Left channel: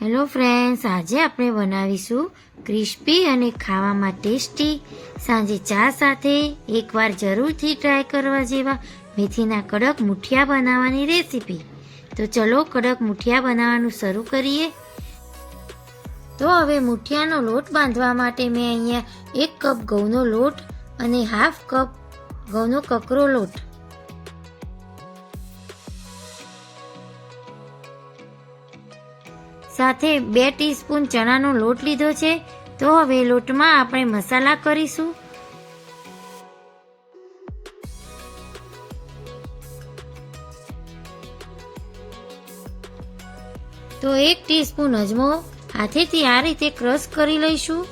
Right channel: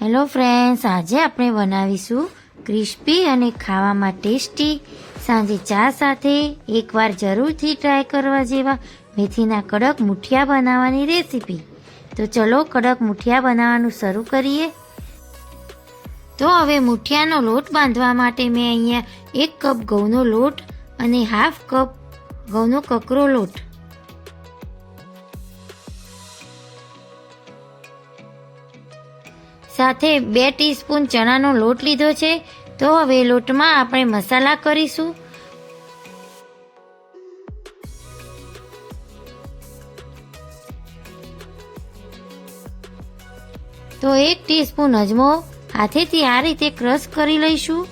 Hello friends આજે આપણે બનાવીશું ક્રિસ્પી અને ખાવામાં ટેસ્ટી સાંજે ચા સાથે એકવાર જરૂરથી ટ્રાય કરવા જેવા મેથીના કડક મુઠિયા બનાવવાની રેસીપી તો ચલો કડક મુઠિયા બનાવવાનું શરૂ કરીએ. તો હવે મુઠિયાનો લોટ બાંધવા માટે મેં અહીંયા એક કપ ઘઉંનો લોટ અને હાફ કપ ઘઉંનો કકરો લોટ સાથે બે ટીસ્પૂન ચણાનો લોટ લીધો છે, તો હવે લોટમાં આપણે મસાલા કરીશું. તો એક ટીસ્પૂન અજમો હાથેથી આ રીતે ક્રશ કરી લઈશું.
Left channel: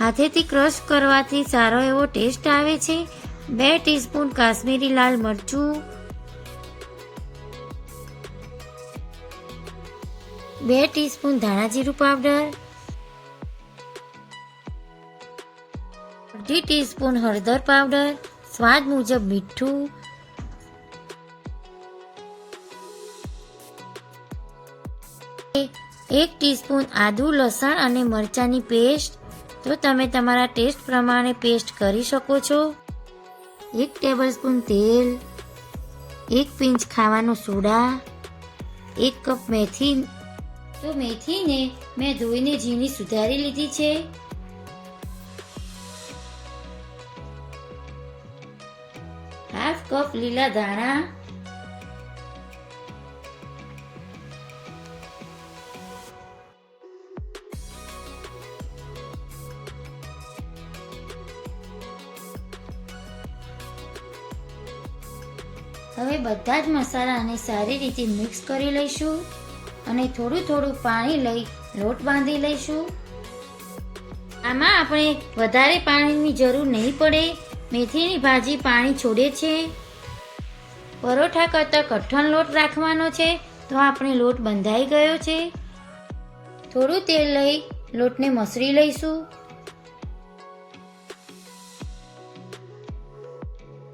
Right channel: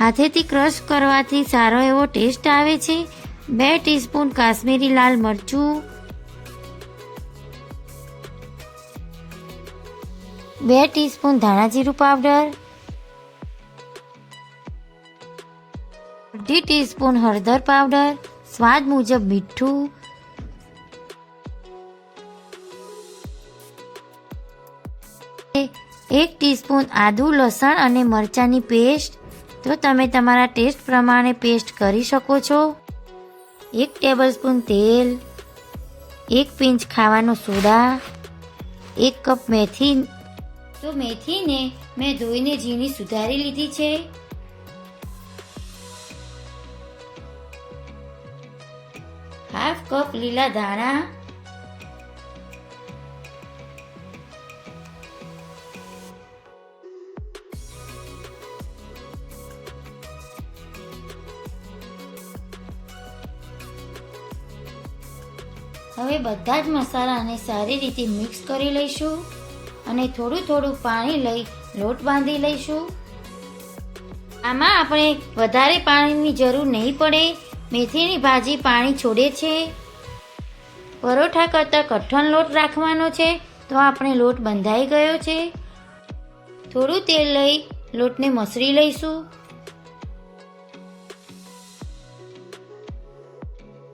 હાથેથી ક્રશ કરવાથી સારો એવો ટેસ્ટ આવે છે. બે ટીસ્પૂન કાશ્મીરી લાલ મરચું બે ટીસ્પૂન ધાણા જીરું પાવડર, અડધી ટીસ્પૂન હળદર પાવડર, સ્વાદ મુજબ મીઠું, એક ટીસ્પૂન આદુ, લસણ અને મરચાંની પેસ્ટ. તો તમે તમારા ટેસ્ટ પ્રમાણે પેસ્ટ કરી શકો છો. એક ટેબલસ્પૂન તેલ, એક પિંચ ખાવાનો સોડા, એક કપ મેથી તો મેથીને મેં ધોઈને ઝીણી સુધારી લીધી છે. હાફ કપ લીલા ધાણા. હવે બધા જ મસાલાને સારી રીતે મિક્સ કરી લઈશું. અને થોડું થોડું પાણી લઈ લોટ બાંધી લઈશું. આમાં આપણે વધારે પાણીની જરૂર નહીં પડે. મેથીની ભાજી પાણી છોડે છે. પરોઠા કરતાં કઠણ લોટ રાખવાનો છે, તો આપણે લોટ બંધાઈ ગયો છે. થોડું તેલ લઈ લોટને મસળી લઈશું.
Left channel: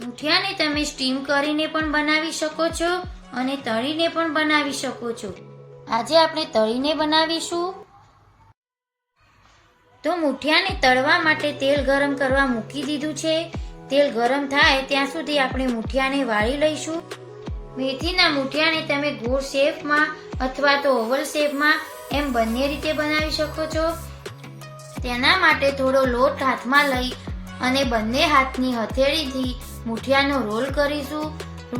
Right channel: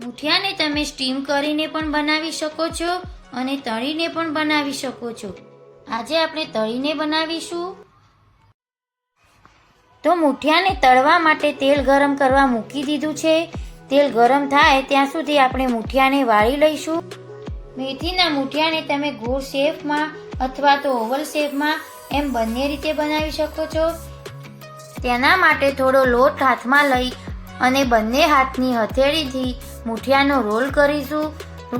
મુઠિયાને તમે સ્ટીમ કરીને પણ બનાવી શકો છો અને તળીને પણ બનાવી શકો છો. આજે આપણે તળીને બનાવીશું. તો મુઠિયાને તળવા માટે તેલ ગરમ કરવા મૂકી દીધું છે. તેલ ગરમ થાય ત્યાં સુધી આપણે મુઠિયાને વાળી લઈશું. મેથીના મુઠિયાને તમે ગોળ શેપમાં અથવા તો ઓવલ શેપમાં એમ બંને રીતે બનાવી શકો છો. તેના માટે થોડો લોટ હાથમાં લઈ અને બંને હાથની હથેળીથી મુઠિયાનો રોલ કરીશું.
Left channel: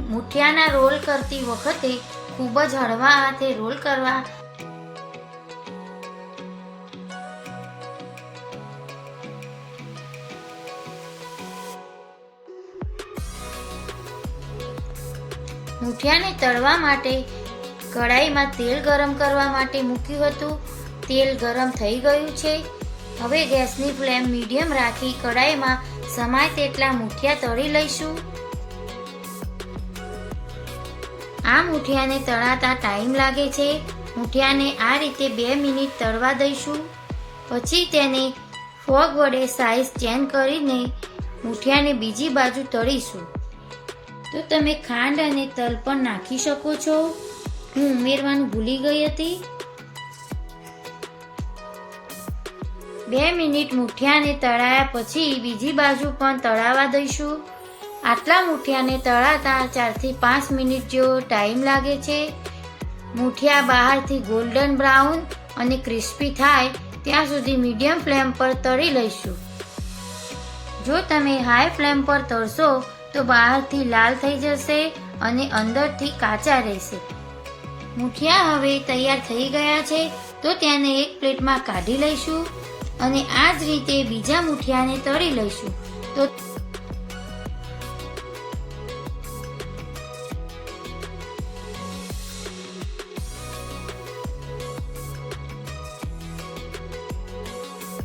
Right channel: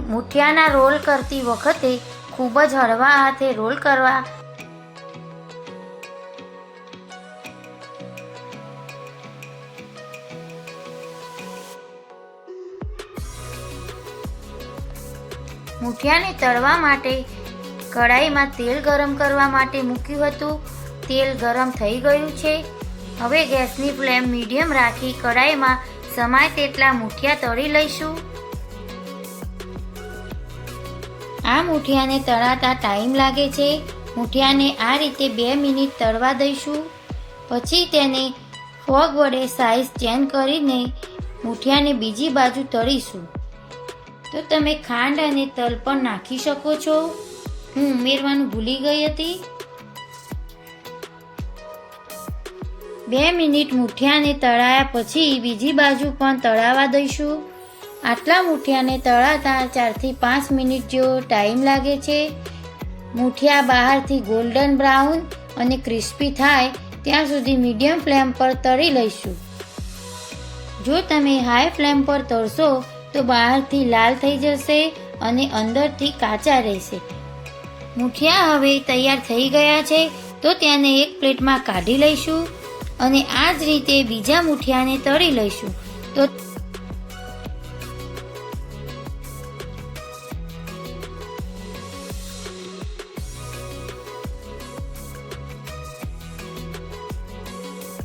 મુઠિયાના રોલ કરતી વખતે ખૂબ જ હળવા હાથે રોલ કરવા. મૂઠિયાને તળવા માટે કઢાઈમાં તેલ ગરમ કરવા માટે મૂક્યું હતું. તેલ ગરમ થઈ ગયું છે. હવે ગેસની ફ્લેમ મીડિયમ રાખી કઢાઈમાં સમાય તેટલા મૂઠિયા તળી લઈશું. આ મુઠિયાને તળાતા ટાઈમ લાગે છે. મુઠિયાને આ રીતે બે મિનિટ તળવા દઈશું. પછી તેને ફોગ વડે સાઈઝ ચેન્જ કરીને મુઠિયાને બીજી બાજુ તળીશું. તો તમે ખાંડ અને તલ પણ નાખી શકો છો. હું ઉમેરવાનું ભૂલી ગઈ હતી. બે મિનિટ મુઠિયાને તળાયા પછી બીજી બાજુ પણ તળાવા દઈશું. આટલા મૂઠિયાને તળાતા ચારથી પાંચ મિનિટ જેવો ટાઈમ લાગે છે. મૂઠિયા બહારથી ગોલ્ડન બ્રાઉન અને ક્રિસ્પી થાય ત્યાં સુધી મીડિયમ ફ્લેમ પર તળી લઈશું. જો તમે હાઈ ફ્લેમ પર તળશો તો બહારથી લાલ થઈ જશે અને અંદરથી કાચા રહેશે. મૂઠિયા હવે તૈયાર થઈ ગયા છે તો તેને એક પ્લેટમાં કાઢી લઈશું અને આ જ રીતે બીજા મૂઠિયાને તળી લઈશું. તો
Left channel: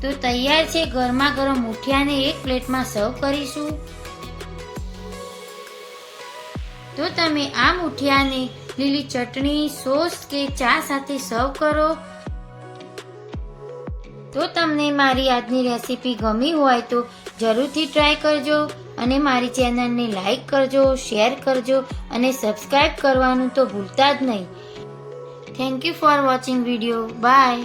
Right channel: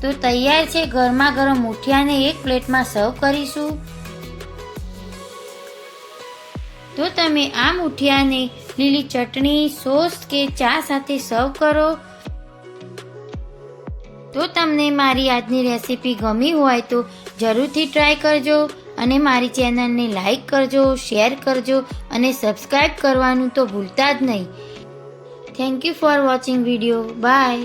તો તૈયાર છે ગરમા ગરમ મુઠિયાને એક પ્લેટમાં સર્વ કરીશું. તો તમે આ મુઠિયાને લીલી ચટણી, સોસ કે ચા સાથે સર્વ કરો. તો તમને મારી આજની રેસીપી ગમી હોય તો જરૂરથી ટ્રાય કરજો અને મારી ચેનલને લાઈક કરજો, શેર કરજો અને સબસ્ક્રાઈબ કરવાનું તો ભૂલતા જ નહીં. Thank you for watching video bye